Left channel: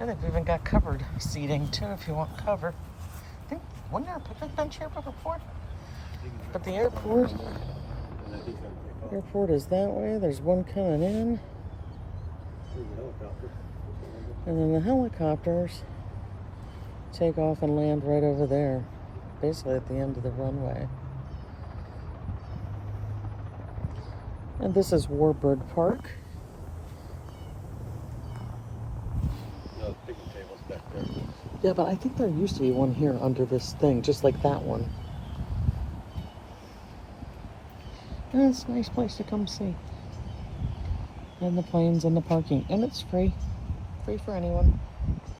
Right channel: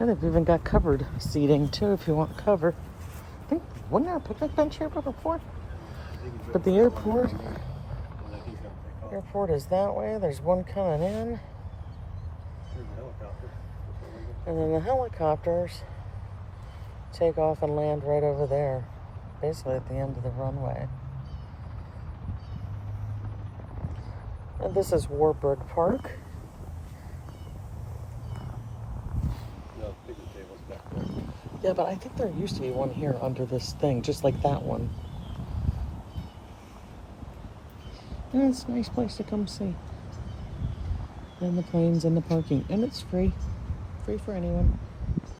And they've even got covered seating too if you want cover. I think, wasn't there a picnic bench here before? But the airport is that way. There's one coming in. And then the helicopters take off and land right over there. Basically at the end of the runway. And this is Warbird Park. Yeah, but I think there used to be one here under this thing, just like that one. And it's a nice place to come see. And the planes and the parking. And it's free. Free for anyone.